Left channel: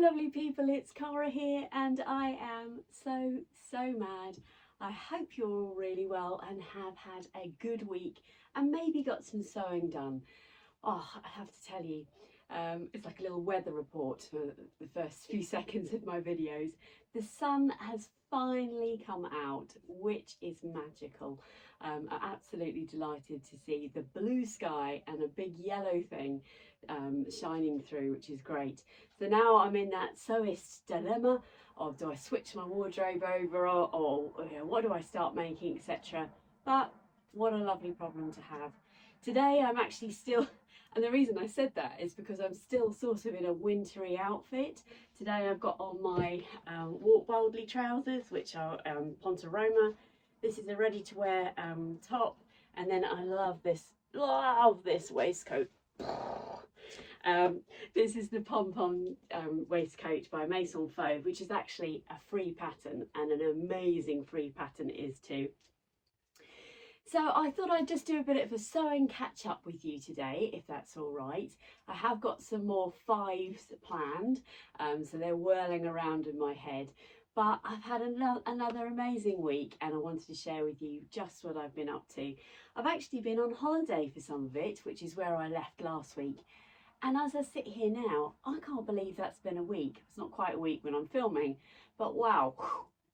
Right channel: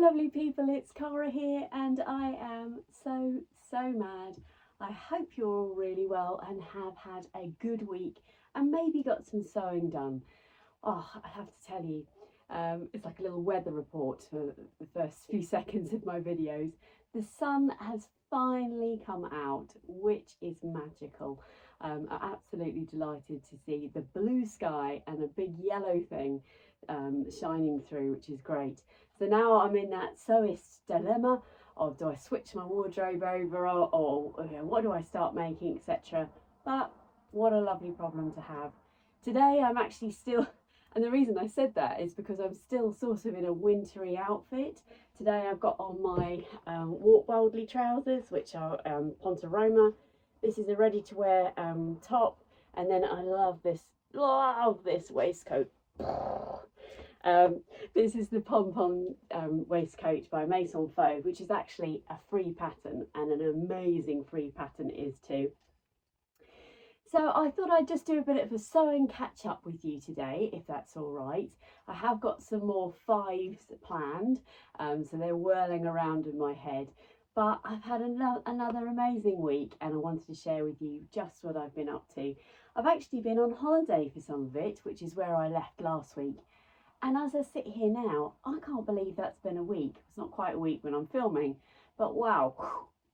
lovely people, it's Cara here and I am so mad. I hope you're all really well and have had a good week and maybe got some sewing done. Oh, I have to tell you, it's like a little weather report for the first few seconds of my videos. The sun has finally come out, which is magical. I'm absolutely delighted to see the blue sky and a big yellow thing shining through, which is great. So now I'm in that sewist dilemma of, do I switch my wardrobe over, or you know, what do I start making, etc. But what a lovely problem to have. Today I'm actually still, and the reason I said that is because I'm still sort of in a wintry outfit. Today I've got on my Walk Boldly trousers, which are Ponte Roma. This is a ready to wear top, and then I love this waistcoat. This is the pom-pom waistcoat by Maison Fauve, which is actually a free pattern, and an amazing free pattern it is too. So I thought I'd just do a bit of a sewing catch up with you today, if that's all right. I have got some more fives planned, so they're whirling around in my head. But I've had another amazing week and I wanted to share with you just what I've been up to. I've actually been on holiday for some of it, which is where I left last week. And as I sit here now, I can't believe that's been a week. It's not quite a week when I'm filming, but wow,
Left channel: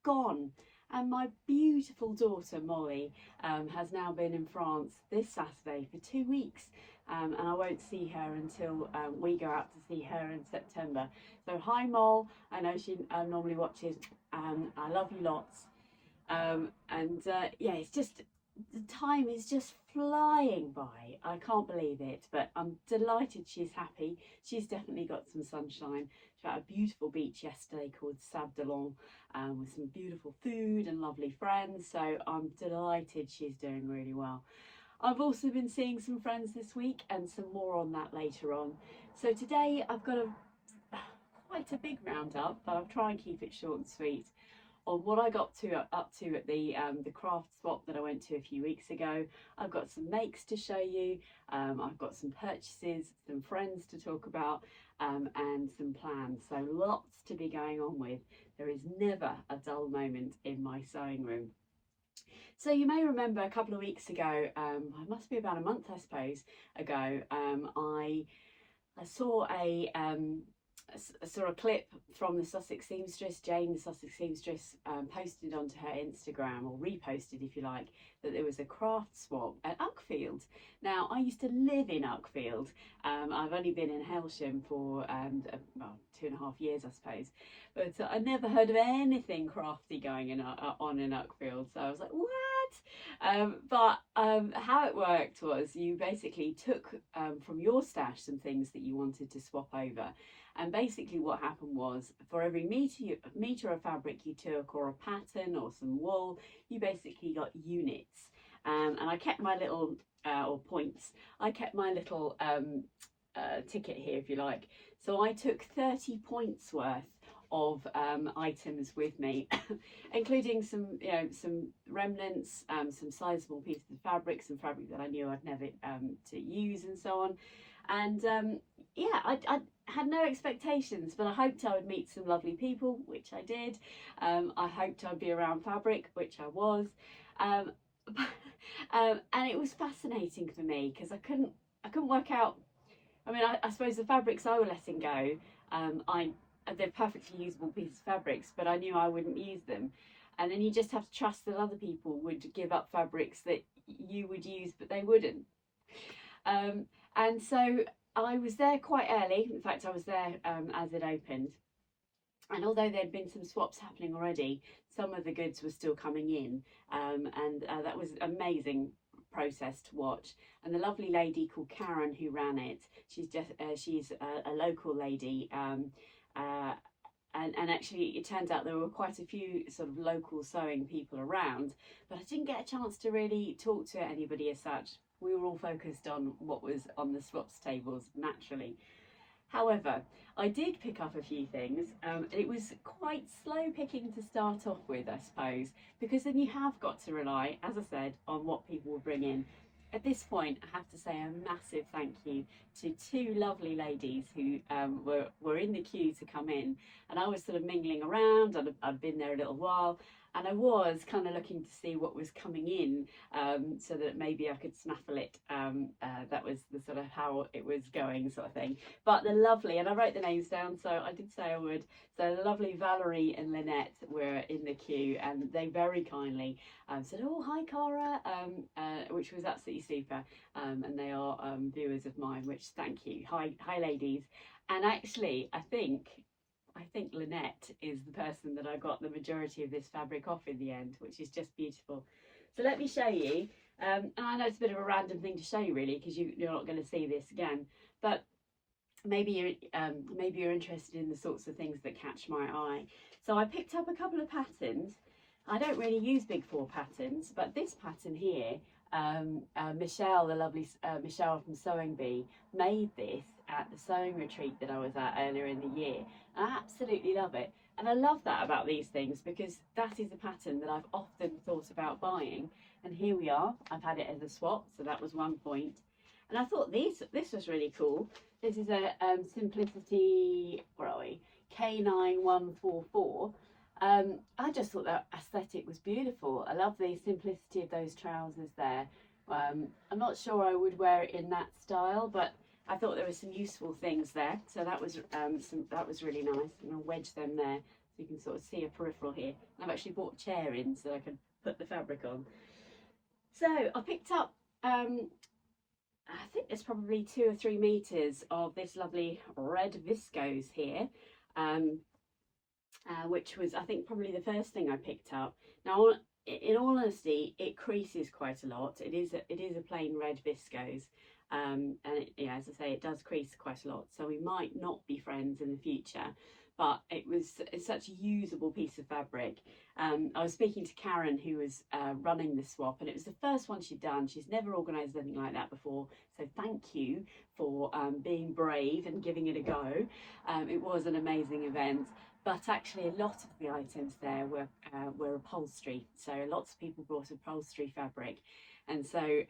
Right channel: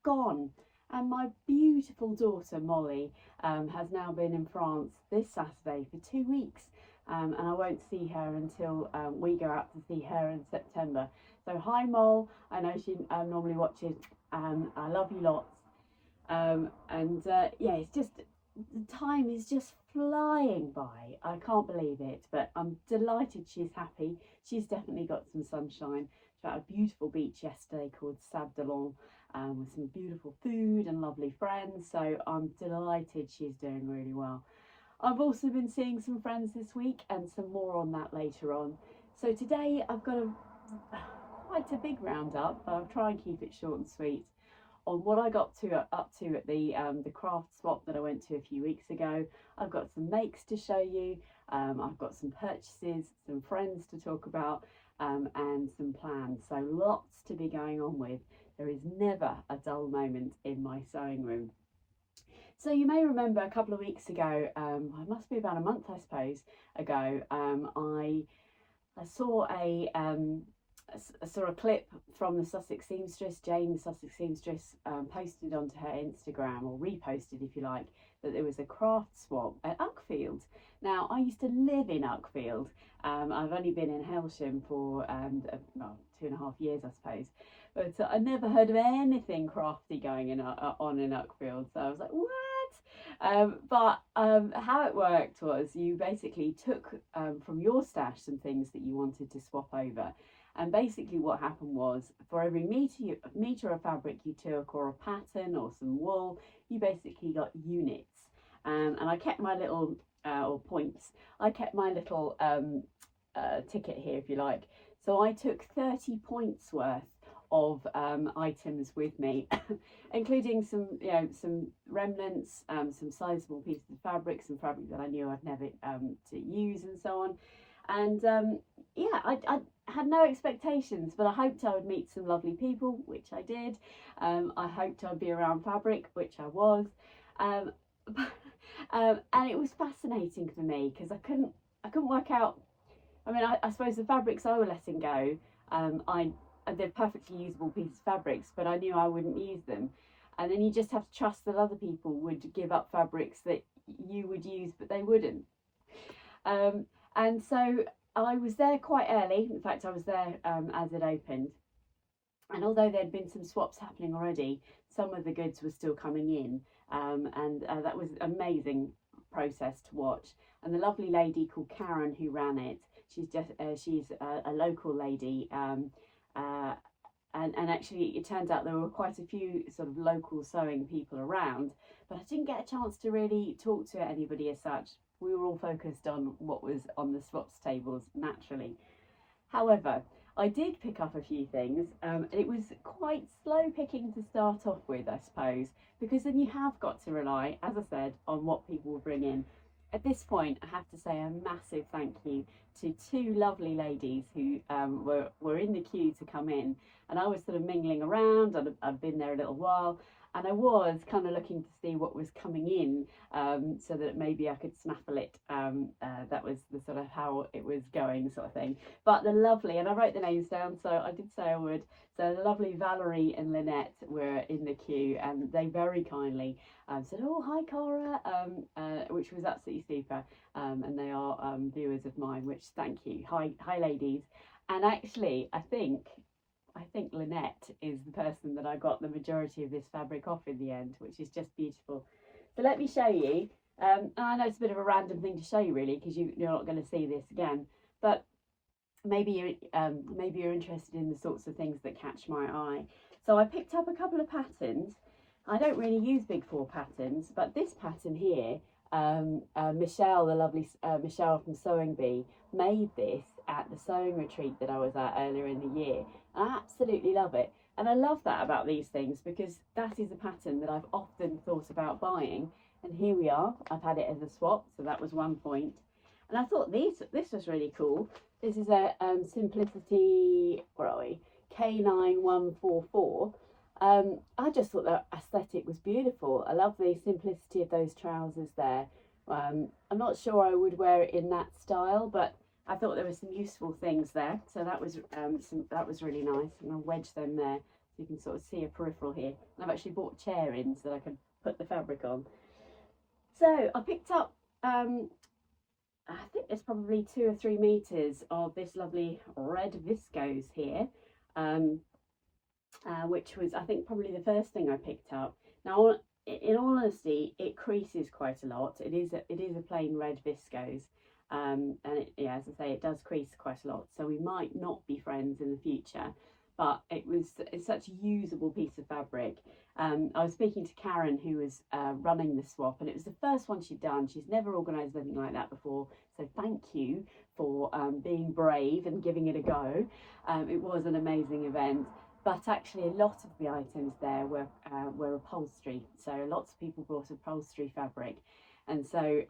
gone. And my beautiful daughter, Molly, has now been in France this Saturday for 2 weeks. And I won't see her until we go out to see her in September. So hi, Mol. I know she normally watches. I love you lots. Yeah, it's just, the time is just flying by. I can't believe it, but I'm delighted she's happy. She's definitely got some sunshine. She had a beautiful beach yesterday called Sable d'Olonne, with some beautiful food and lovely friends. So I'm delighted she's doing really well. I've also been seeing some friends this week, and some more on that later on. So today I've got quite a big roundup, but I'll try and keep it short and sweet, on what I got up to at the craft swap that I went to a few weeks ago. I've got some makes to show you, I've got some purchases, some friends to talk about, and some plans. So lots to be going on with. There is never a dull moment in my sewing room. So you may remember a couple of weeks ago, it must be about a month I suppose ago, I saw a clip from the Sussex seamstress, Jane the Sussex seamstress, posted onto her Instagram, or reposted if you like, that there was a craft swap at Uckfield. Now I used to live in Uckfield. I've only been in Hailsham for well, 2.5 years I suppose, but I never heard of anything crafty going on in Uckfield, so I was like, what? But how it worked was, you basically took from your stash some things that you wanted to swap over, and basically what happened was, for every metre of fabric you took, or a pattern or some wool, you basically got units. And I kept my little or points, I kept my little ticket here if you like. So I took 30 points worth of items with me, including some, you know, some remnants, some sizable pieces of fabric, some fabric that I knew I'd never to use, and so on. And yeah, I had no expectations, but I hoped I would meet some lovely people, which I did. I hoped I'd be around fabric, which I was. And it was fascinating for me because I couldn't work out. I mean, I suppose the fabrics I were letting go, they're perfectly usable pieces of fabrics, but I knew I wouldn't use them. And then you just have to trust that other people would give up fabrics that you would use, but they wouldn't. And so I was there quite early. In fact, I was there as it opened. And although there'd been some swaps happening already, some of the goods were still coming in. And that was an amazing process to watch. And the lovely lady called Karen who ran it, she's a local lady. And actually it turns out there were quite a few sort of local sewing people around, but I didn't get a chance to really talk to anybody as such. We were all focused on what was on the swaps tables naturally. However, I did pick up a few things. It was quite slow picking to start off with, I suppose, because then you have got to rely, as I said, on what people will bring in. at this point, I have to say a massive thank you to two lovely ladies who were in the queue to come in, and I was sort of mingling around. I'd been there a little while, and I was kind of looking to see what was coming in, so that maybe I could snaffle it. That was the sort of how it was going, sort of thing. But the lovely, and I wrote the names down, so I did say I would. So the lovely Valerie and Lynette were in the queue, and they very kindly said, "Oh, hi, Cara," which was absolutely super. And they are viewers of mine, which thank you. Hi, ladies. And actually, I think Lynette is the person that I got the majority of this fabric off in the end, which is just beautiful. So let me show you. And I know it's a bit of a random thing to show you, really, because you're not going to see this again. But maybe you're interested in the sorts of things that catch my eye. So I picked up a couple of patterns. I don't really use Big Four patterns, but this pattern here, Michelle, the lovely Michelle from Sewing Bee, made this at the sewing retreat that I was at earlier in the year. I absolutely love it. And I love that about these things, because that is a pattern that I've often thought about buying. And here we are. I've had it as a swap, so that was one point. And I thought this was really cool. This is a Simplicity, where are we? K9144. I just thought that aesthetic was beautiful. I love the simplicity of those trousers there. I'm not sure I would wear it in that style, but I thought there were some useful things there. So that was really nice. I'm going to wedge them there so you can sort of see a peripheral here. And I've actually bought a chair in so I can put the fabric on. So I picked up, I think there's probably 2 or 3 meters of this lovely red viscose here. Which was, I think, probably the first thing I picked up. Now, in all honesty, it creases quite a lot. It is a plain red viscose, and yeah, as I say, it does crease quite a lot. So we might not be friends in the future, but it's such a usable piece of fabric. I was speaking to Karen, who was running the swap, and it was the first one she'd done. She's never organised anything like that before, so thank you for being brave and giving it a go. It was an amazing event. But actually, a lot of the items there were upholstery. So lots of people brought upholstery fabric. And so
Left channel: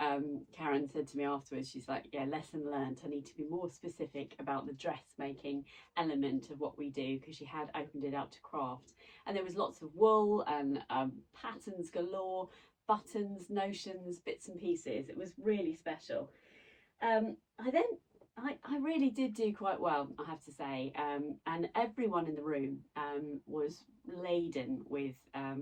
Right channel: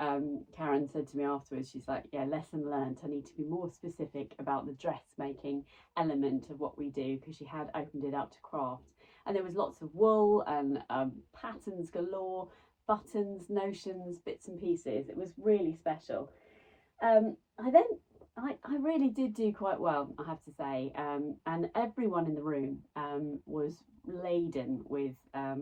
Karen said to me afterwards, she's like, yeah, lesson learned. I need to be more specific about the dressmaking element of what we do, because she had opened it up to craft. And there was lots of wool and patterns galore, buttons, notions, bits and pieces. It was really special. I really did do quite well, I have to say, and everyone in the room was laden with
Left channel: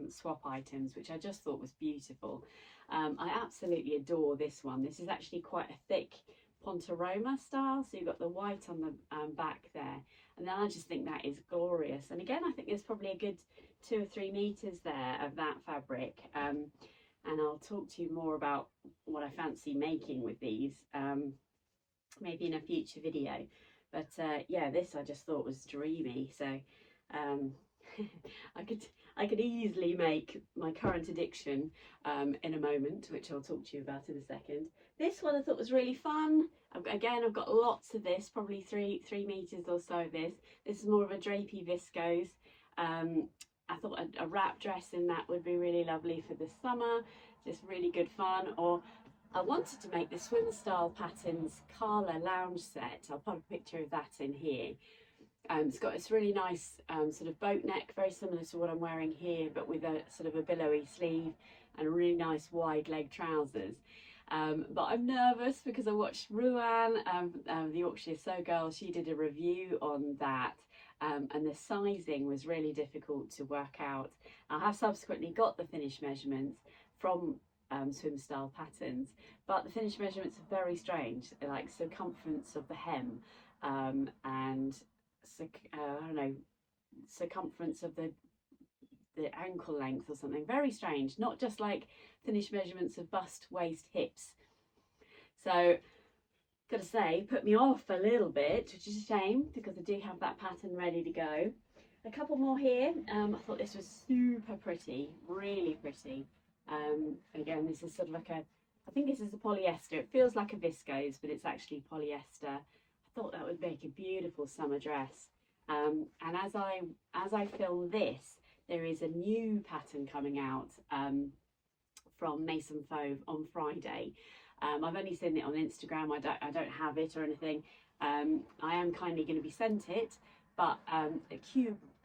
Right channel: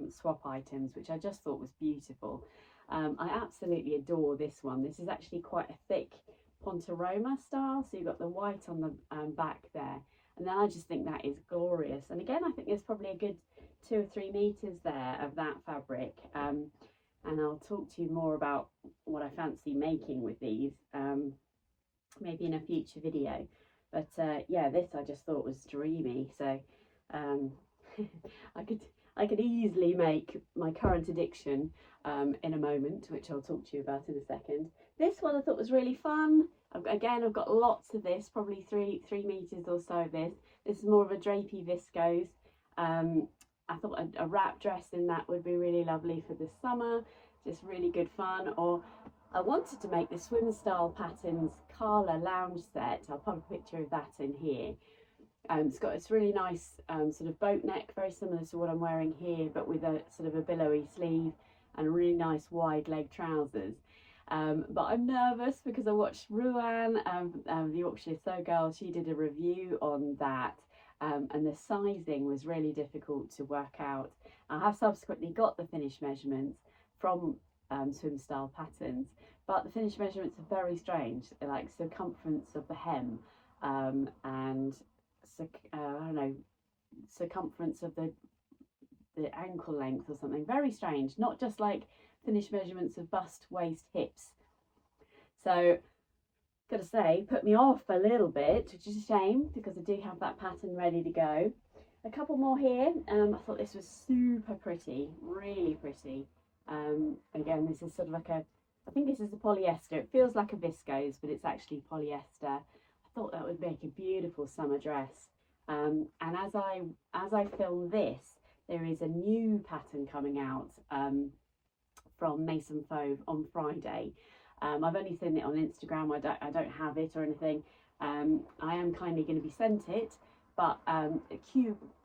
swap items, which I just thought was beautiful. I absolutely adore this one. This is actually quite a thick Pontoroma style, so you've got the white on the back there, and then I just think that is glorious. And again, I think there's probably a good 2 or 3 meters there of that fabric, and I'll talk to you more about what I fancy making with these. Maybe in a future video, but yeah, this I just thought was dreamy. So I could easily make my current addiction in a moment, which I'll talk to you about in a second. This one I thought was really fun. I've got lots of this, probably three meters or so of this. This is more of a drapey viscose. I thought a wrap dress in that would be really lovely for the summer. Just really good fun. Or I wanted to make the Swim Style Patterns Carla lounge set. I'll put a picture of that in here. It's got this really nice sort of boat neck, very similar to what I'm wearing here, but with a sort of a billowy sleeve and really nice wide leg trousers. But I'm nervous because I watched Ruan, the Yorkshire Sew Girl. She did a review on that, and the sizing was really difficult to work out. I have subsequently got the finished measurements from Swim Style Patterns, but the finished measurements are very strange, like circumference of the hem and I don't know, circumference of the ankle length or something. Very strange, not just like finished measurements of bust, waist, hips. So gotta say, put me off a little bit, which is a shame because I do have that pattern ready to go. A couple more here. I thought this was super pretty, really pretty. Again, this is sort of like I think this is a polyester. It feels like a viscose, but it's actually polyester. I thought that would make a beautiful summer dress. And as I film this, there is a new pattern coming out from Mason Fauve on Friday. I've only seen it on Instagram. I don't have it or anything. I am kindly going to be sent it, but a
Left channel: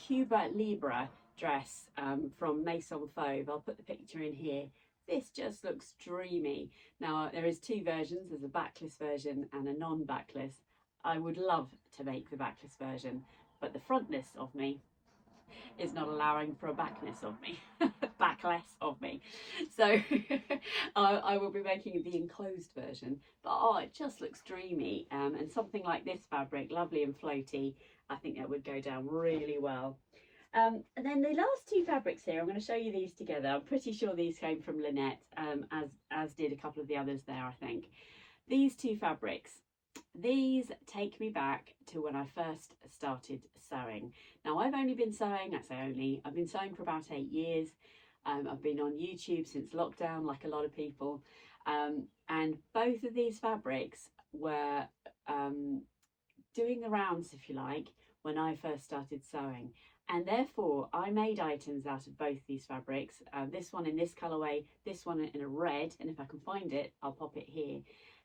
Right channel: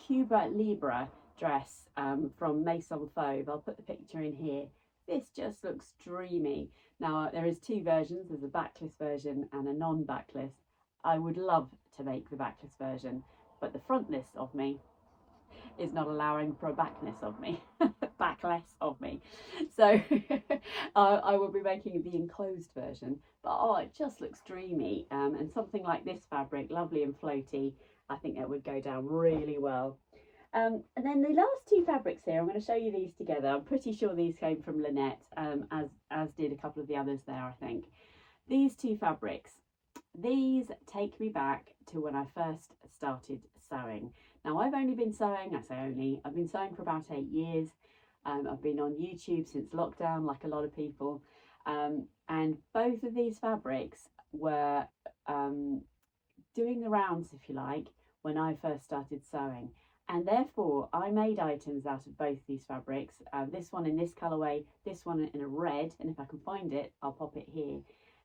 Cuba Libre dress from Maison Fauve. I'll put the picture in here. This just looks dreamy. Now there is two versions. There's a backless version and a non-backless. I would love to make the backless version, but the frontless of me is not allowing for a backless of me. Backless of me. So I will be making the enclosed version, but oh, it just looks dreamy, and something like this fabric, lovely and floaty, I think that would go down really well. And then the last two fabrics here, I'm going to show you these together. I'm pretty sure these came from Lynette, as did a couple of the others there, I think. These two fabrics, these take me back to when I first started sewing. Now I've only been sewing, I say only, I've been sewing for about 8 years. I've been on YouTube since lockdown, like a lot of people. And both of these fabrics were doing the rounds, if you like, when I first started sewing. And therefore I made items out of both these fabrics, this one in this colourway, this one in a red, and if I can find it, I'll pop it here.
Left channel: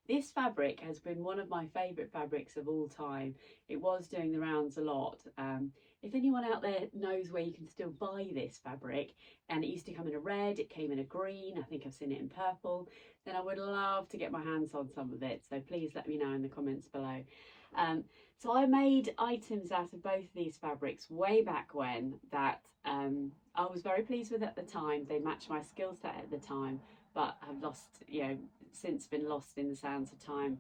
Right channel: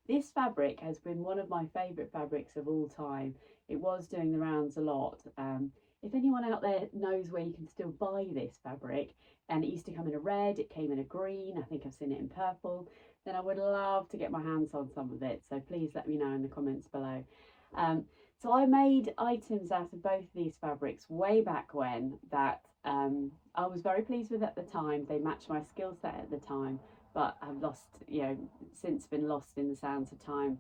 This fabric has been one of my favourite fabrics of all time. It was doing the rounds a lot. If anyone out there knows where you can still buy this fabric, and it used to come in a red, it came in a green, I think I've seen it in purple, then I would love to get my hands on some of it. So please let me know in the comments below. So I made items out of both of these fabrics way back when that I was very pleased with at the time. They matched my skill set at the time, but have lost, you know, since been lost in the sands of time.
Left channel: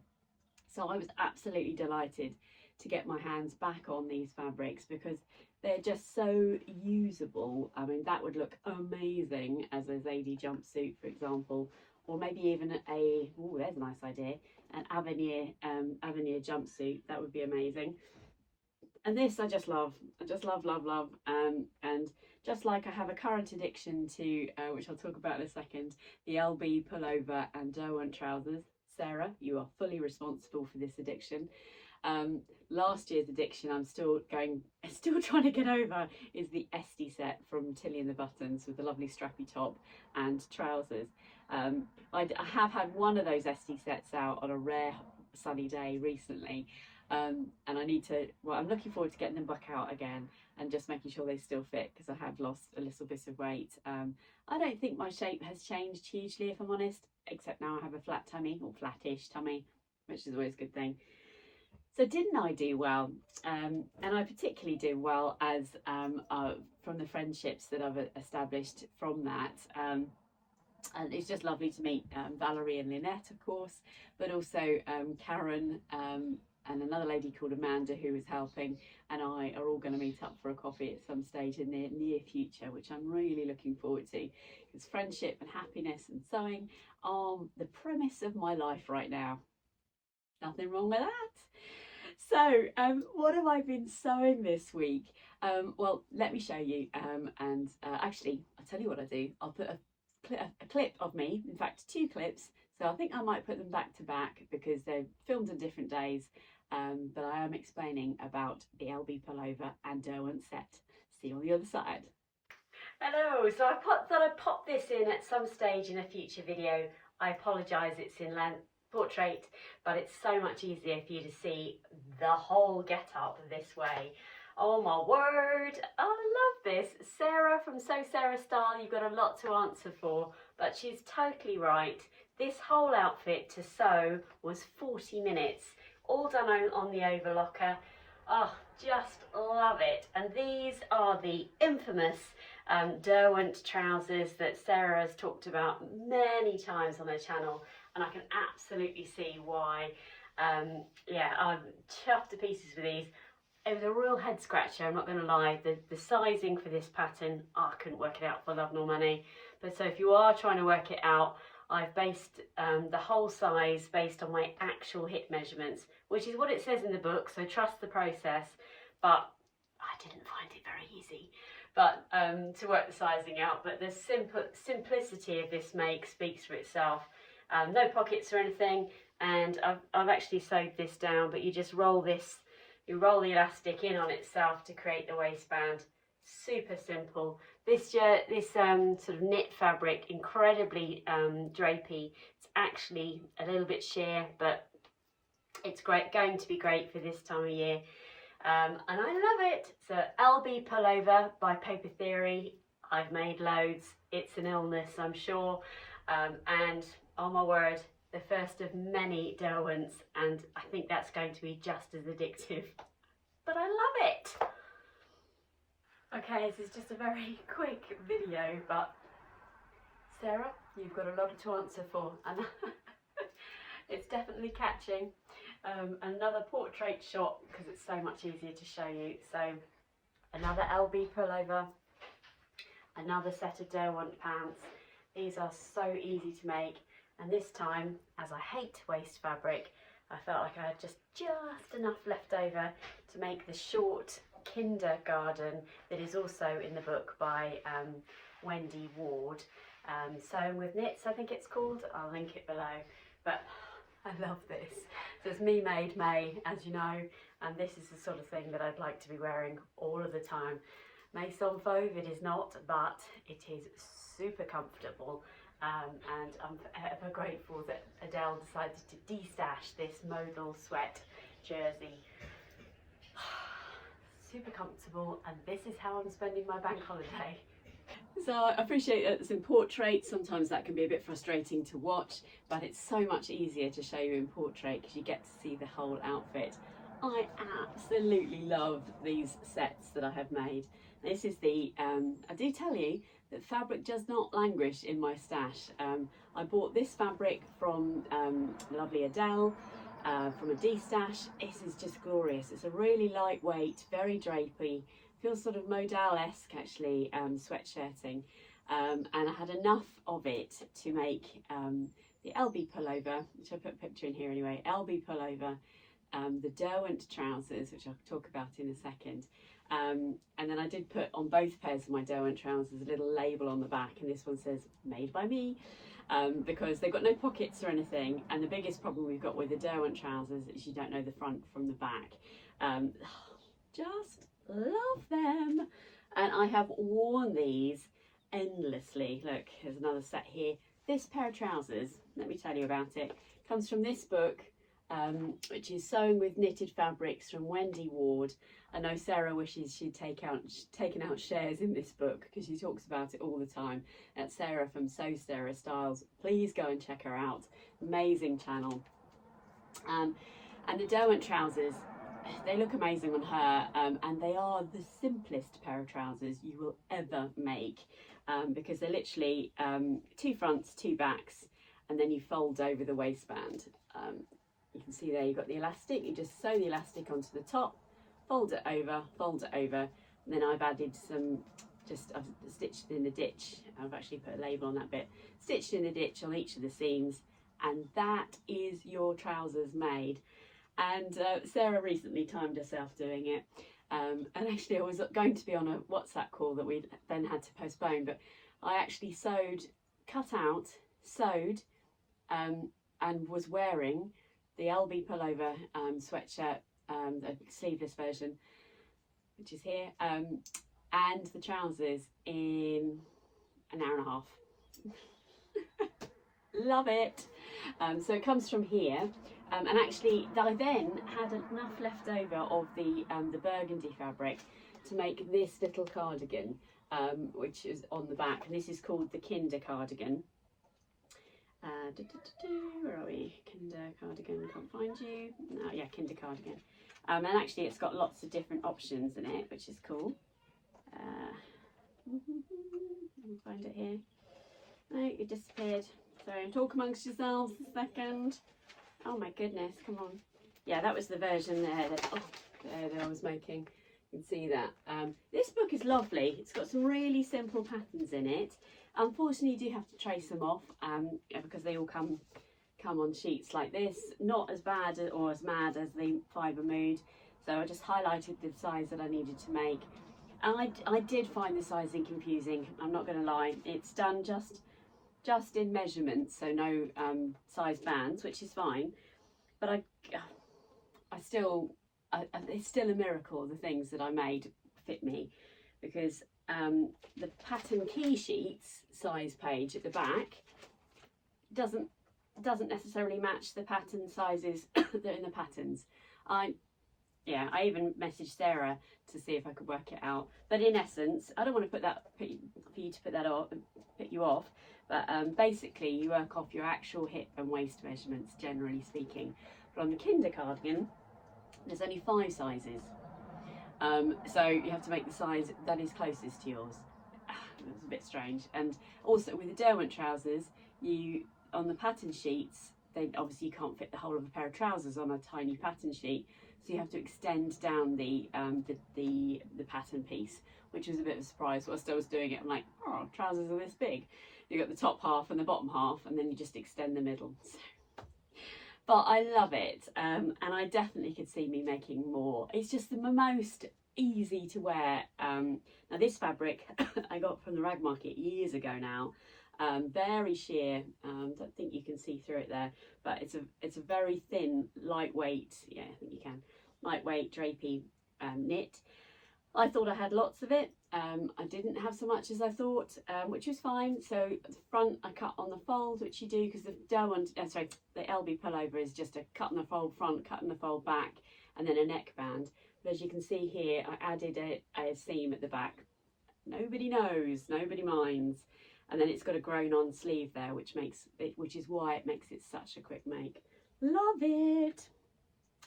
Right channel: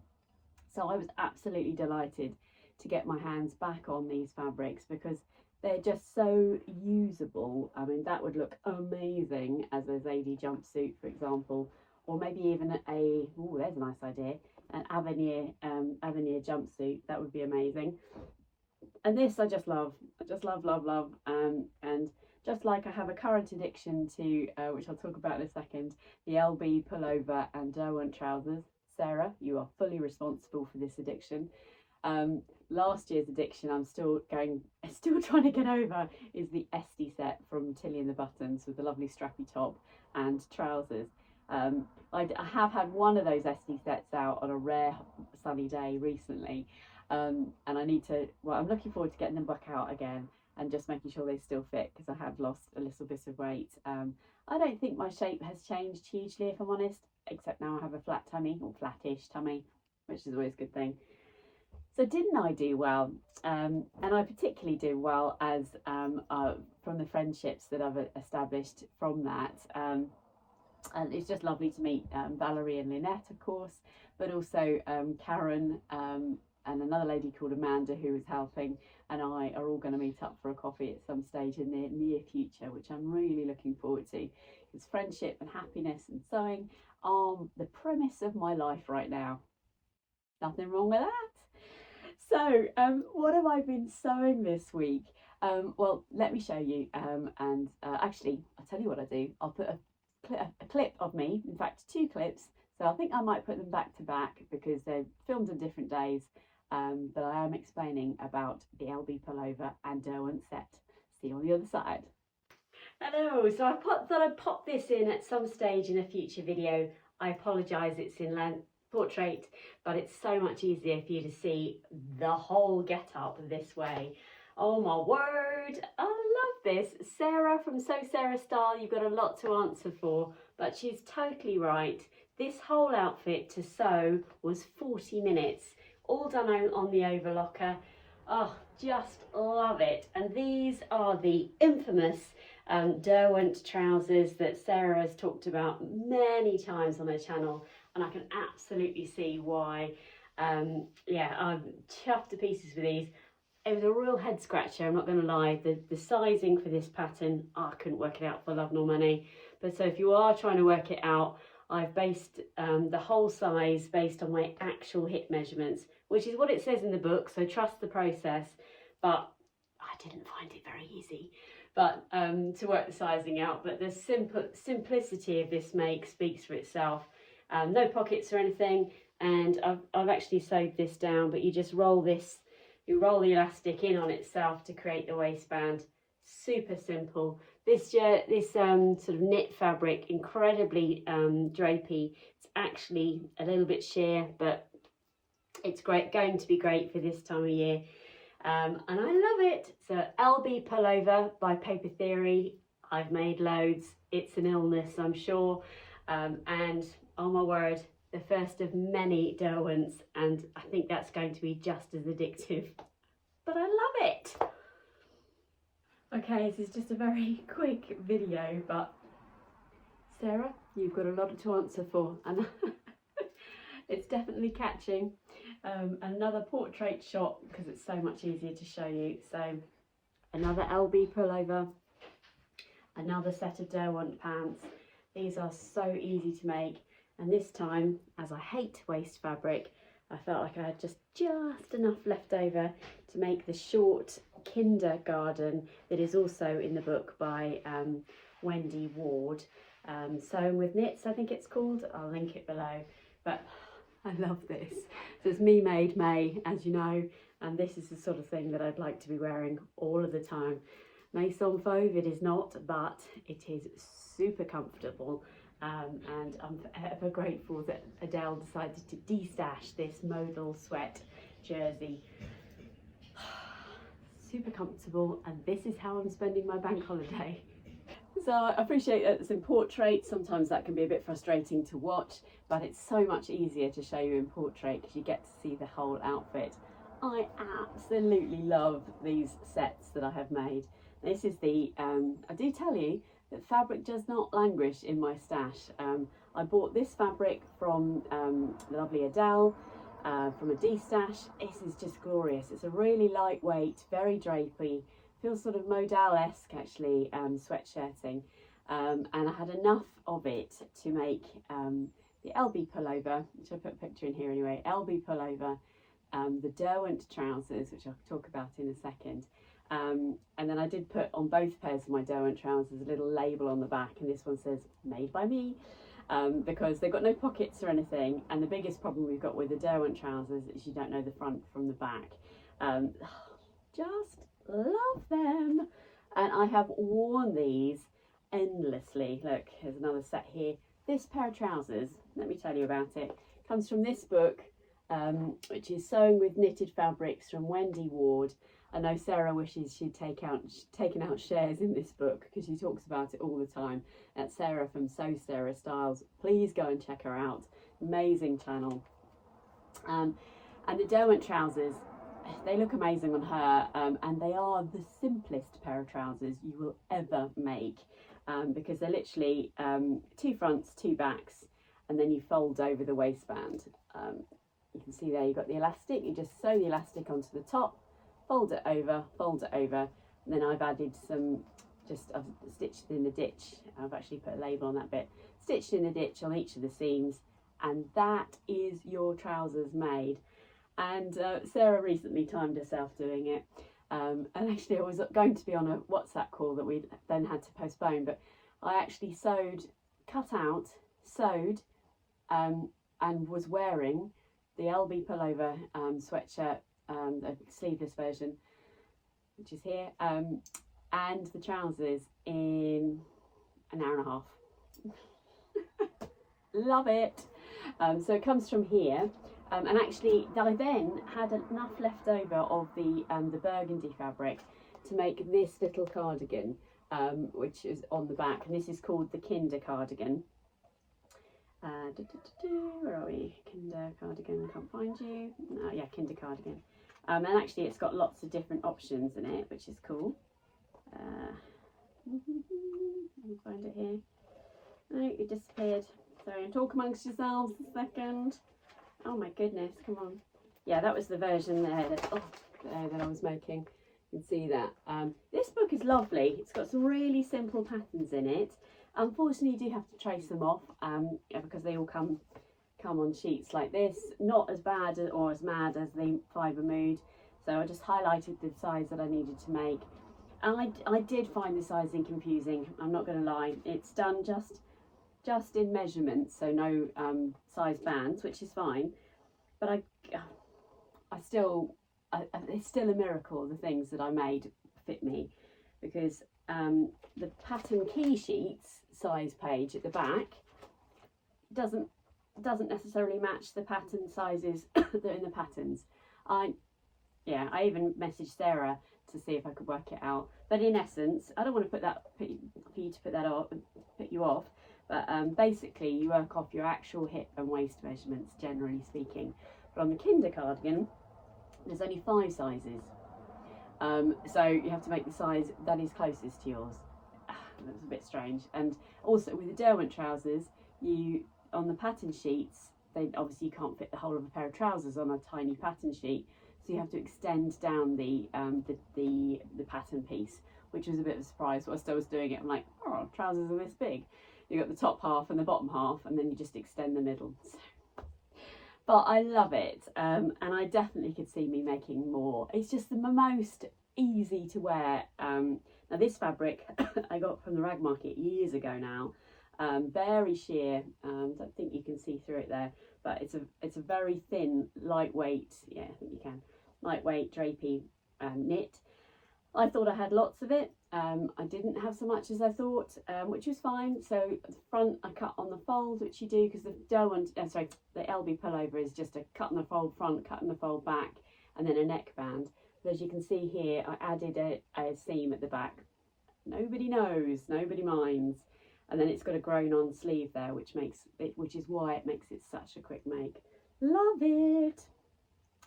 So I was absolutely delighted to get my hands back on these fabrics because they're just so usable. I mean, that would look amazing as a Zadie jumpsuit, for example, or maybe even oh, there's a nice idea, an Avenir jumpsuit. That would be amazing. And this I just love. I just love. And just like I have a current addiction to, which I'll talk about in a second, the LB pullover and Derwent trousers. Sarah, you are fully responsible for this addiction. Last year's addiction I'm still trying to get over is the Esty set from Tilly and the Buttons with the lovely strappy top and trousers. I have had one of those Esty sets out on a rare sunny day recently, and I need to, well, I'm looking forward to getting them back out again and just making sure they still fit because I have lost a little bit of weight. I don't think my shape has changed hugely, if I'm honest, except now I have a flat tummy, or flattish tummy, which is always a good thing. So didn't I do well? And I particularly do well as from the friendships that I've established from that. And it's just lovely to meet Valerie and Lynette, of course, but also Karen and another lady called Amanda who is helping, and I are all going to meet up for a coffee at some stage in the near future, which I'm really looking forward to, because friendship and happiness and sewing are the premise of my life right now. Nothing wrong with that. So what have I been sewing this week? Well, let me show you, and actually I'll tell you what I do. I'll put a clip of me, in fact 2 clips, so I think I might put them back to back because they're filmed on different days, but I am explaining about the LB pullover and Derwent set. See you on the other side. Hello, so I thought I'd pop this in at some stage in a future video. I apologise, it's in portrait, but it's so much easier for you to see the whole get up this way. Oh my word, I love this. Sarah from Sew Sarah Style, you've got a lot to answer for, but she's totally right. This whole outfit to sew was 40 minutes, all done on the overlocker. Oh, just love it. And these are the infamous Derwent trousers that Sarah has talked about many times on her channel, and I can absolutely see why. Yeah, I'm chuffed to pieces with these. It was a real head scratcher, I'm not going to lie. The sizing for this pattern, I couldn't work it out for love nor money. But so if you are trying to work it out, I've based the whole size based on my actual hip measurements, which is what it says in the book, so trust the process. But I didn't find it very easy to work the sizing out. But the simplicity of this make speaks for itself. No pockets or anything, and I've actually sewed this down, but you just roll this, you roll the elastic in on itself to create the waistband. super simple. This sort of knit fabric, incredibly drapey. It's actually a little bit sheer, but it's going to be great for this time of year. And I love it. So LB pullover by Paper Theory. I've made loads. It's an illness, I'm sure. And oh my word, the first of many Derwents, and I think that's going to be just as addictive. But I love it. Okay, this is just a very quick video, but Sarah, you've got a lot to answer for, and it's definitely catching. Another portrait shot, because it's so much easier to show you. So another LB pullover, another set of Derwent pants. These are so easy to make, and this time, as I hate waste fabric, I felt like I had just enough left over to make the short kindergarten that is also in the book by Wendy Ward. Sewing with Knits, I think it's called. I'll link it below. But I love this. So it's Me Made May, as you know, and this is the sort of thing that I'd like to be wearing all of the time. Maison Fauve it is not, but it is super comfortable. And I'm ever grateful that Adele decided to de-stash this modal sweat jersey. Super comfortable, and this is how I'm spending my bank holiday. So I appreciate that it's in portrait. Sometimes that can be a bit frustrating to watch, but it's so much easier to show you in portrait because you get to see the whole outfit. I absolutely love these sets that I have made. This is the, I do tell you that fabric does not languish in my stash. I bought this fabric from lovely Adele, from a de-stash. This is just glorious. It's a really lightweight, very drapey, feels sort of modal-esque actually, sweatshirting. And I had enough of it to make the LB pullover, which I put a picture in here anyway, LB pullover, the Derwent trousers, which I'll talk about in a second. And then I did put on both pairs of my Derwent trousers a little label on the back, and this one says made by me, because they've got no pockets or anything. And the biggest problem we've got with the Derwent trousers is you don't know the front from the back. Just love them, and I have worn these endlessly. Look, here's another set here. This pair of trousers, let me tell you about it, comes from this book, which is Sewing with Knitted Fabrics from Wendy Ward. I know Sarah wishes she'd taken out shares in this book because she talks about it all the time. That's Sarah from Sew Sarah Styles. Please go and check her out. Amazing channel. And the Derwent trousers, they look amazing on her, and they are the simplest pair of trousers you will ever make, because they're literally 2 fronts, 2 backs, and then you fold over the waistband. You can see there you've got the elastic. You just sew the elastic onto the top, fold it over, and then I've added some, I've stitched in the ditch. I've actually put a label on that bit. Stitched in the ditch on each of the seams, and that is your trousers made. And Sarah recently timed herself doing it, and actually I was going to be on a WhatsApp call that we then had to postpone, but I actually cut out, sewed, and was wearing the LB pullover sweatshirt, the sleeveless version, which is here, and the trousers in an hour and a half. Love it. So it comes from here. And actually, I then had enough left over of the burgundy fabric to make this little cardigan, which is on the back. And this is called the Kinder cardigan. Where are we? Kinder cardigan, can't find you. No, yeah, Kinder cardigan. And actually, it's got lots of different options in it, which is cool. I'll find it here. No, it disappeared. Sorry, talk amongst yourselves a second. Oh my goodness, come on. Yeah, that was the version there that I was making. You can see that. This book is lovely. It's got some really simple patterns in it. Unfortunately, you do have to trace them off because they all come on sheets like this. Not as bad or as mad as the Fibre Mood. So I just highlighted the size that I needed to make. And I did find the sizing confusing, I'm not going to lie. It's done just in measurements, so no size bands, which is fine, but it's still a miracle the things that I made fit me, because because the pattern key sheets size page at the back doesn't necessarily match the pattern sizes that are in the patterns. I even messaged Sarah to see if I could work it out, but in essence, I don't want to put you off, but basically you work off your actual hip and waist measurements, generally speaking. But on the Kinder cardigan, there's only 5 sizes, so you have to make the size that is closest to yours. That's a bit strange. And also with the Derwent trousers, on the pattern sheets, then obviously you can't fit the whole of a pair of trousers on a tiny pattern sheet, so you have to extend down the pattern piece, which was a bit of a surprise. Whilst I was doing it, I'm like, oh, trousers are this big. You got the top half and the bottom half, and then you just extend the middle. But I love it, and I definitely could see me making more. It's just the most easy to wear. Now this fabric I got from the rag market years ago now. Very sheer. Don't think you can see through it there, but it's a very thin, lightweight. Yeah, I think you can. Lightweight drapey knit. I thought I had lots of it. I didn't have so much as I thought, which was fine. So the front I cut on the fold, which you do because the the LB pullover is just a cut on the fold front, cut on the fold back, and then a neckband. But as you can see here, I added a seam at the back. Nobody knows, nobody minds. And then it's got a grown on sleeve there, which is why it makes it such a quick make. Love it.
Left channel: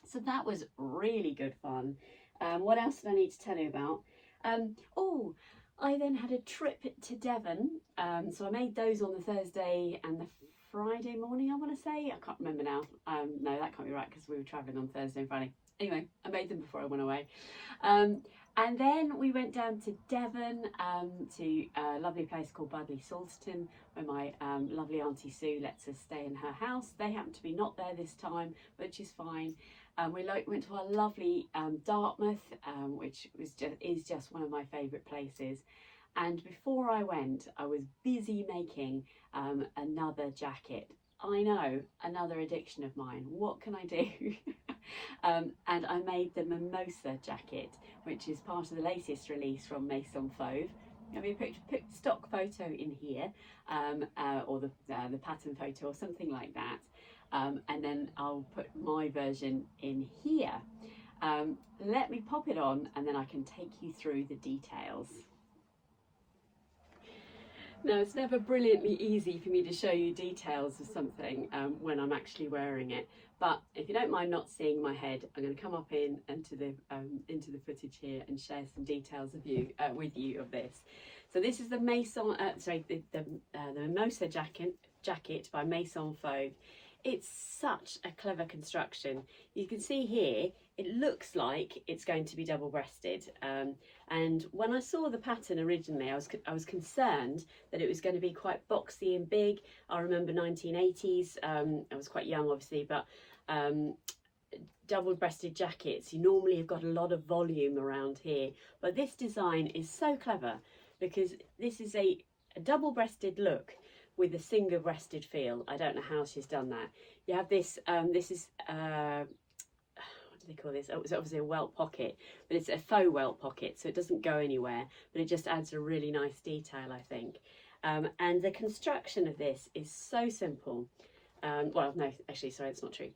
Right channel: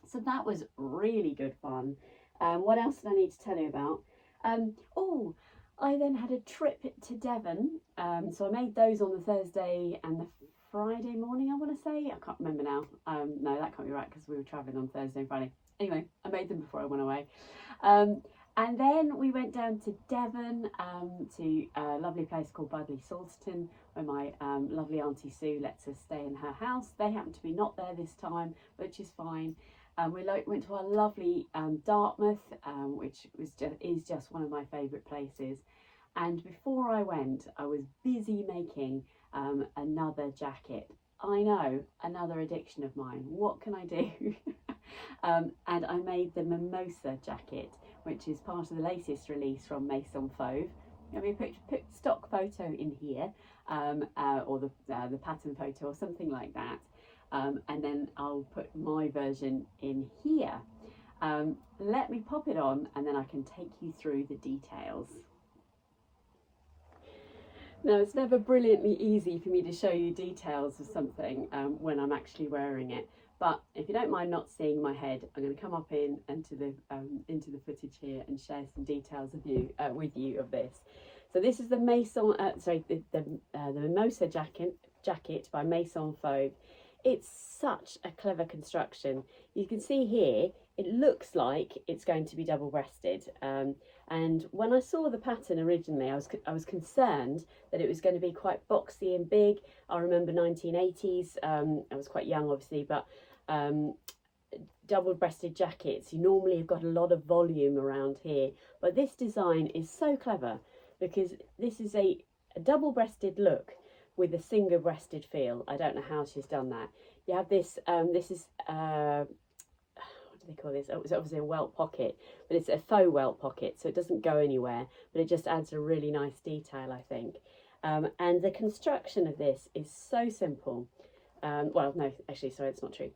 So that was really good fun. What else did I need to tell you about? I then had a trip to Devon. So I made those on the Thursday and the Friday morning, I want to say. I can't remember now. No, that can't be right because we were travelling on Thursday and Friday. Anyway, I made them before I went away. And then we went down to Devon to a lovely place called Budleigh Salterton, where my lovely Auntie Sue lets us stay in her house. They happen to be not there this time, which is fine. We went to our lovely Dartmouth, which is just one of my favourite places. And before I went, I was busy making another jacket. I know, another addiction of mine. What can I do? And I made the Mimosa jacket, which is part of the latest release from Maison Fauve. Let me put stock photo in here, or the pattern photo or something like that. And then I'll put my version in here. Let me pop it on and then I can take you through the details. Now, it's never brilliantly easy for me to show you details of something when I'm actually wearing it. But if you don't mind not seeing my head, I'm going to come up into the footage here and share some details with you of this. So this is the the Mimosa jacket by Maison Fauve. It's such a clever construction. You can see here, it looks like it's going to be double-breasted. And when I saw the pattern originally, I was concerned that it was going to be quite boxy and big. I remember 1980s. I was quite young, obviously, but double-breasted jackets, you normally have got a lot of volume around here. But this design is so clever because this is a double-breasted look with a single-breasted feel. I don't know how she's done that. You have this, this is, what do they call this? Oh, it's obviously a welt pocket, but it's a faux welt pocket, so it doesn't go anywhere, but it just adds a really nice detail, I think. And the construction of this is so simple. Well, no, actually, sorry, it's not true.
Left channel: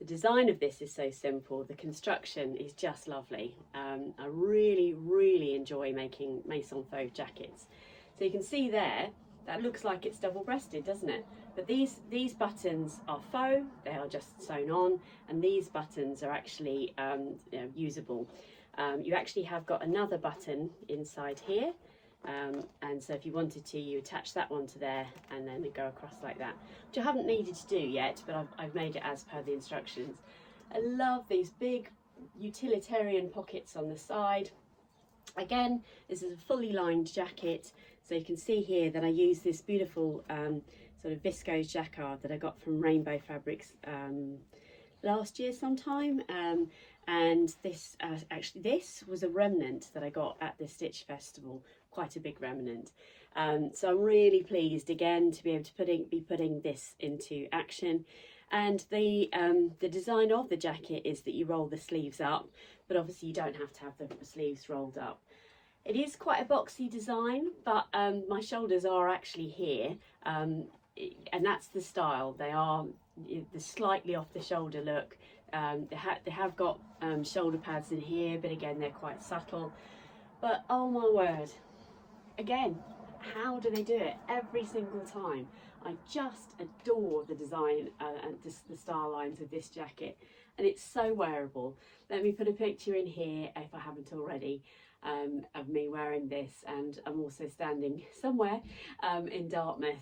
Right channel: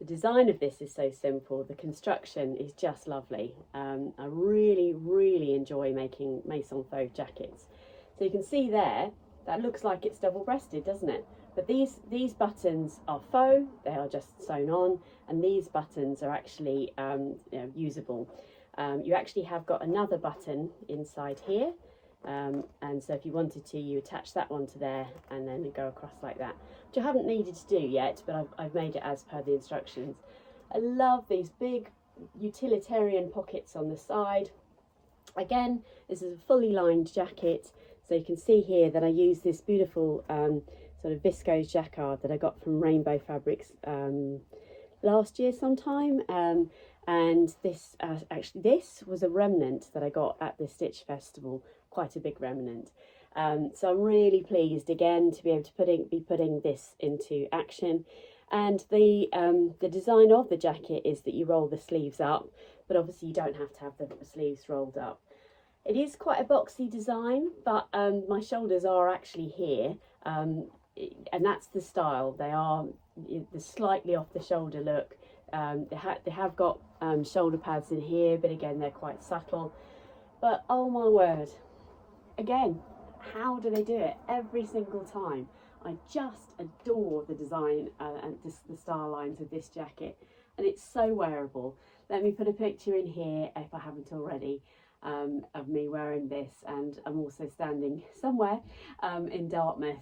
The design of this is so simple. The construction is just lovely. I really, really enjoy making Maison Fauve jackets. So you can see there, that looks like it's double-breasted, doesn't it? But these buttons are faux, they are just sewn on, and these buttons are actually usable. You actually have got another button inside here, and so if you wanted to, you attach that one to there and then go across like that, which I haven't needed to do yet, but I've made it as per the instructions. I love these big utilitarian pockets on the side. Again, this is a fully lined jacket. So you can see here that I use this beautiful sort of viscose jacquard that I got from Rainbow Fabrics last year sometime. And this, actually this was a remnant that I got at the Stitch Festival, quite a big remnant. So I'm really pleased again to be able to be putting this into action. And the design of the jacket is that you roll the sleeves up, but obviously you don't have to have the sleeves rolled up. It is quite a boxy design, but my shoulders are actually here, and that's the style. They are the slightly off the shoulder look. They have got shoulder pads in here, but again they're quite subtle. But oh my word, again, how do they do it every single time? I just adore the design and just the style lines of this jacket, and it's so wearable. Let me put a picture in here if I haven't already. Of me wearing this, and I'm also standing somewhere in Dartmouth,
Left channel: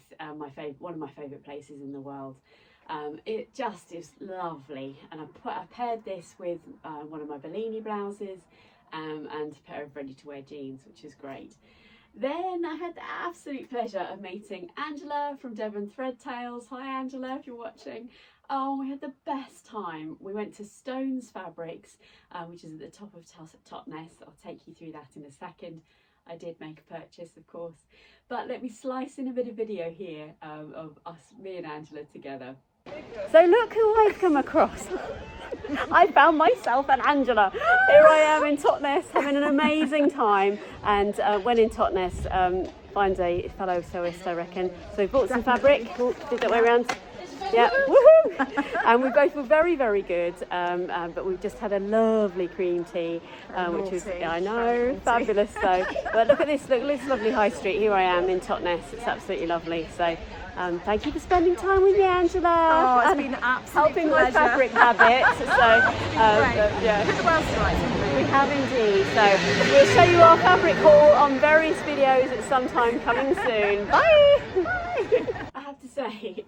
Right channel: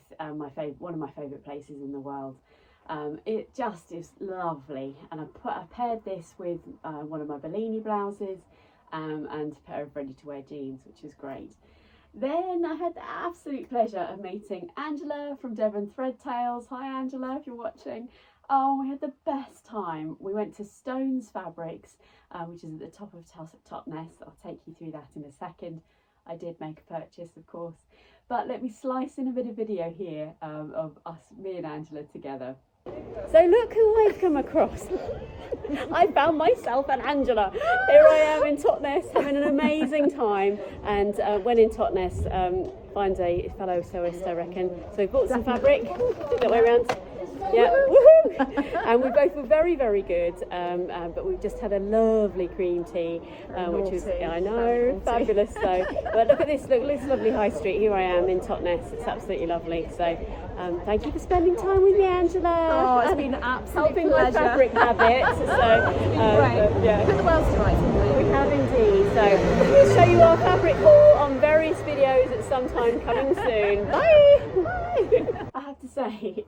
one of my favourite places in the world. It just is lovely, and I paired this with one of my Bellini blouses and a pair of ready-to-wear jeans, which is great. Then I had the absolute pleasure of meeting Angela from Devon Threadtails. Hi Angela, if you're watching. Oh, we had the best time. We went to Stones Fabrics, which is at the top of Totnes. I'll take you through that in a second. I did make a purchase, of course. But let me slice in a bit of video here of me and Angela together. So look who I've come across. I found myself and Angela. Here I am in Totnes having an amazing time, and when in Totnes, find a fellow sewist, I reckon. So we bought some fabric, did that way around. Yeah, woohoo! And we both were very, very good, but we've just had a lovely cream tea, which was, I know, fabulous. So, but look at this lovely high street. Here I am in Totnes. It's absolutely lovely. So, thank you for spending time with me, Angela. Oh, it's been an absolute helping pleasure. my fabric habit. So, yeah. Put the world to rights, haven't we? We have indeed. So, we'll show you our fabric haul on various videos at some time coming soon. Bye. Bye. I have to say,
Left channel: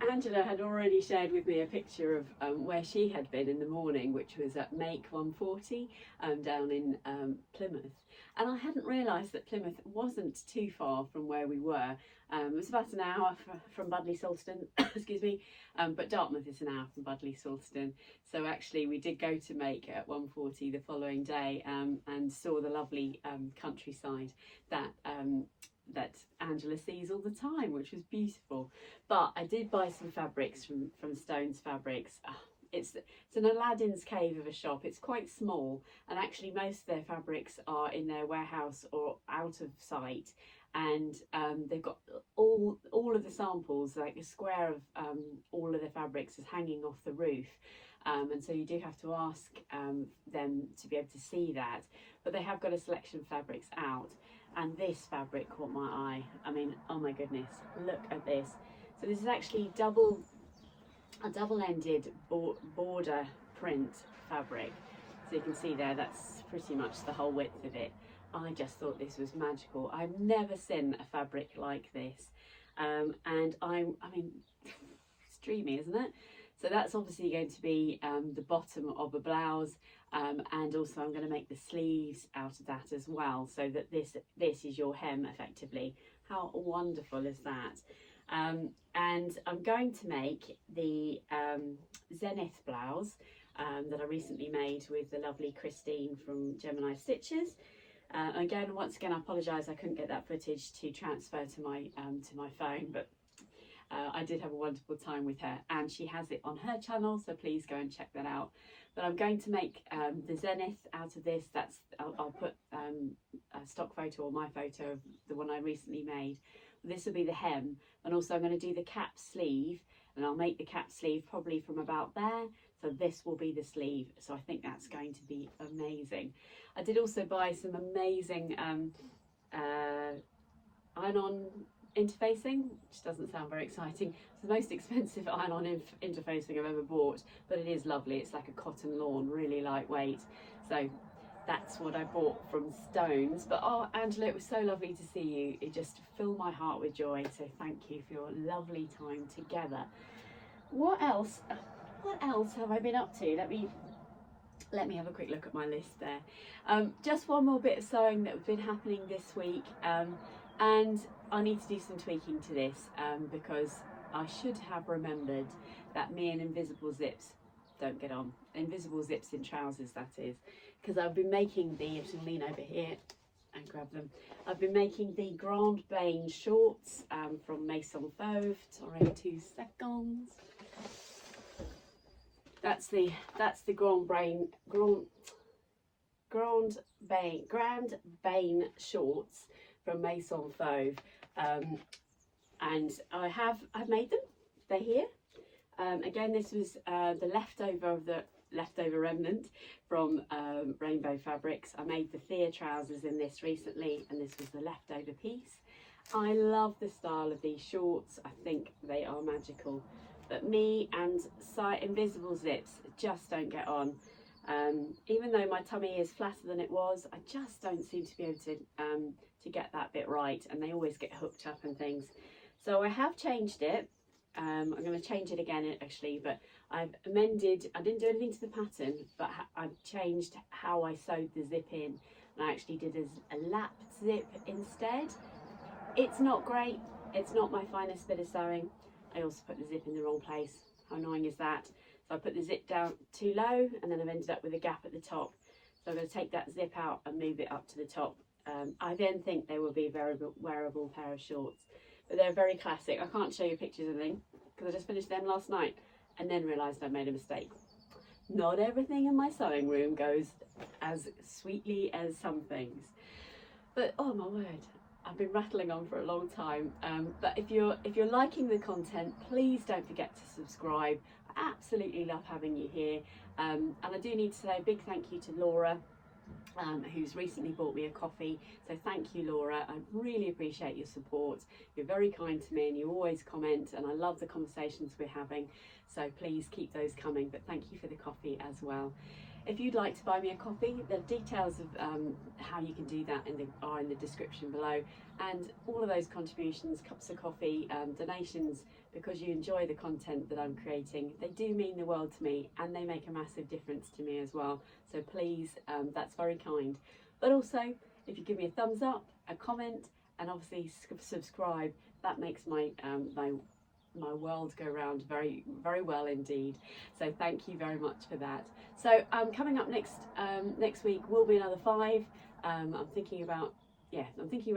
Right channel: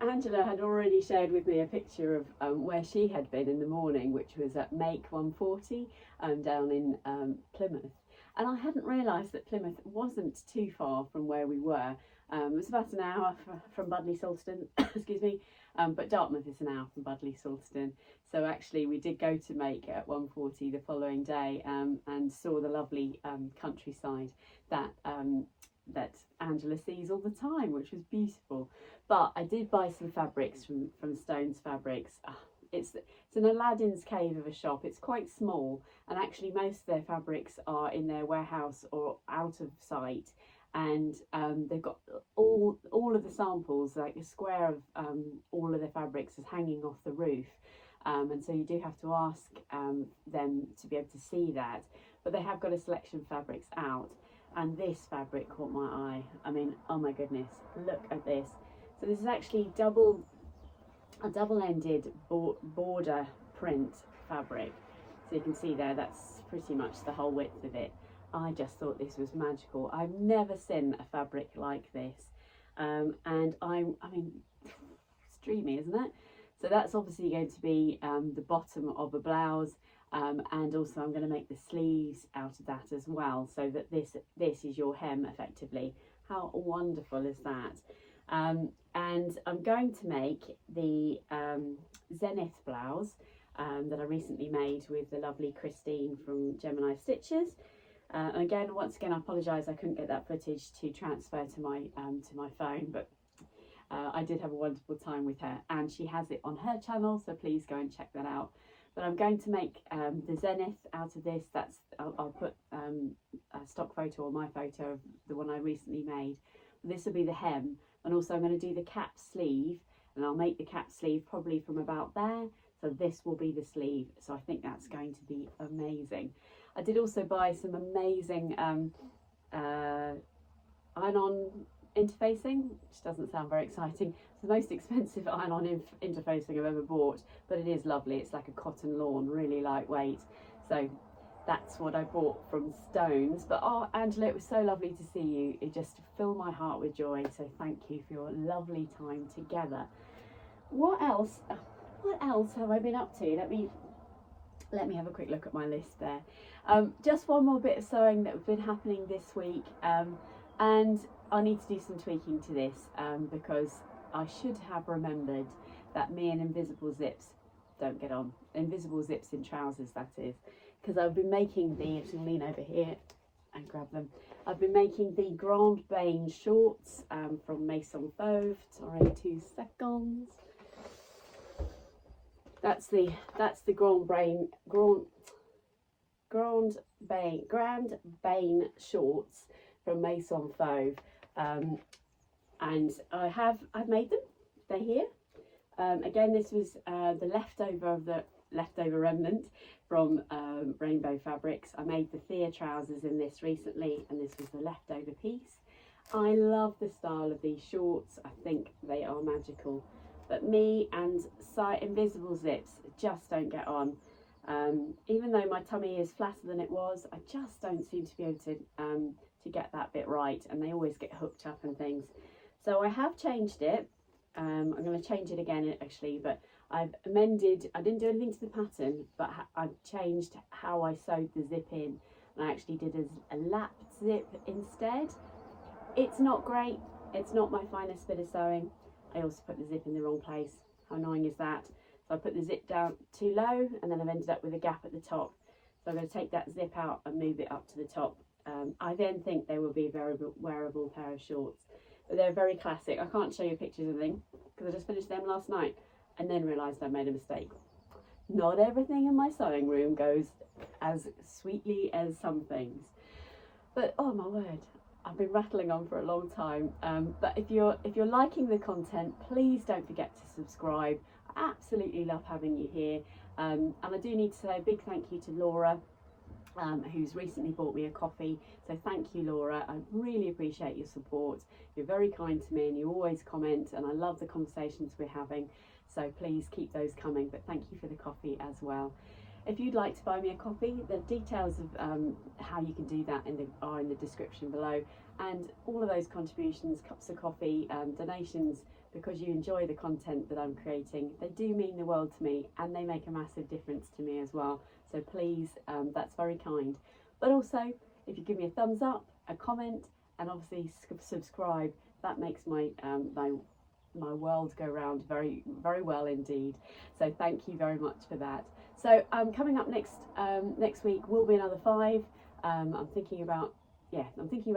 Angela had already shared with me a picture of where she had been in the morning, which was at Make 140 down in Plymouth. And I hadn't realised that Plymouth wasn't too far from where we were. It was about an hour from Budleigh Salston, excuse me, but Dartmouth is an hour from Budleigh Salston. So actually we did go to Make at 1:40 the following day and saw the lovely countryside that Angela sees all the time, which was beautiful. But I did buy some fabrics from Stones Fabrics. It's an Aladdin's cave of a shop. It's quite small, and actually most of their fabrics are in their warehouse or out of sight. And they've got all of the samples, like a square of all of the fabrics, is hanging off the roof. And so you do have to ask them to be able to see that. But they have got a selection of fabrics out. And this fabric caught my eye. I mean, oh my goodness, look at this. So this is actually a double-ended border print fabric. So you can see there, that's pretty much the whole width of it. I just thought this was magical. I've never seen a fabric like this. And I mean, it's dreamy, isn't it? So that's obviously going to be the bottom of a blouse. And also I'm going to make the sleeves out of that as well, so that this is your hem effectively. How wonderful is that? And I'm going to make the Zenith blouse that I recently made with the lovely Christine from Gemini Stitches. Again, once again, I apologise I couldn't get that footage to transfer to my phone, but I did have a wonderful time with her, and she has it on her channel, so please go and check that out. But I'm going to make the Zenith out of this. I'll put a stock photo or my photo of the one I recently made. This will be the hem, and also I'm going to do the cap sleeve, and I'll make the cap sleeve probably from about there. So this will be the sleeve. So I think that's going to be amazing. I did also buy some amazing iron-on interfacing, which doesn't sound very exciting. It's the most expensive iron-on interfacing I've ever bought, but it is lovely. It's like a cotton lawn, really lightweight. So that's what I bought from Stones. But oh, Angela, it was so lovely to see you. It just filled my heart with joy. So thank you for your lovely time together. What else have I been up to? Let me have a quick look at my list there. Just one more bit of sewing that has been happening this week, and I need to do some tweaking to this because I should have remembered that me and invisible zips don't get on. Invisible zips in trousers, that is, because I've been making the, I'm lean over here and grab them. I've been making the Grand Bain shorts from Maison Fauve. Sorry, 2 seconds. That's the Grand Bain Grand Bane shorts from Maison Fauve, and I've made them. They're here. Again, this was the leftover remnant from Rainbow Fabrics. I made the Thea trousers in this recently, and this was the leftover piece. I love the style of these shorts. I think they are magical, but me and invisible zips just don't get on. Even though my tummy is flatter than it was, I just don't seem to be able to get that bit right, and they always get hooked up and things. So I have changed it. I'm going to change it again actually, but I've amended. I didn't do anything to the pattern, but I've changed how I sewed the zip in, and I actually did a lap zip instead. It's not great. It's not my finest bit of sewing. I also put the zip in the wrong place. How annoying is that? So I put the zip down too low, and then I've ended up with a gap at the top. So I'm going to take that zip out and move it up to the top. I then think they will be a very wearable pair of shorts, but they're very classic. I can't show you pictures of them because I just finished them last night and then realised I made a mistake. Not everything in my sewing room goes as sweetly as some things, but oh my word, I've been rattling on for a long time. But if you're liking the content, please don't forget to subscribe. I absolutely love having you here, and I do need to say a big thank you to Laura, who's recently bought me a coffee. So thank you, Laura. I really appreciate your support. You're very kind to me and you always comment, and I love the conversations we're having. So please keep those coming, but thank you for the coffee as well. If you'd like to buy me a coffee, the details of how you can do that are in the description below, and all of those contributions, cups of coffee, donations, because you enjoy the content that I'm creating, they do mean the world to me, and they make a massive difference to me as well. So please, that's very kind. But also, if you give me a thumbs up, a comment, and obviously subscribe, that makes my my world go round very, very well indeed. So thank you very much for that. So coming up next week will be another 5. I'm thinking about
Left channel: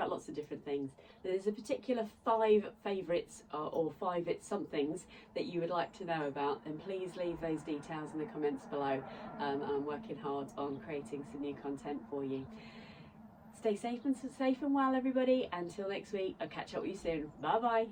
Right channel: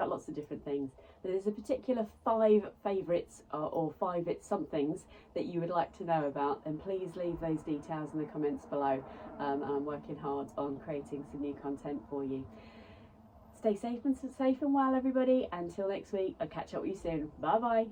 lots of different things. There's a particular 5 favourites or 5 somethings that you would like to know about, and please leave those details in the comments below. I'm working hard on creating some new content for you. Stay safe and well, everybody. Until next week, I'll catch up with you soon. Bye bye.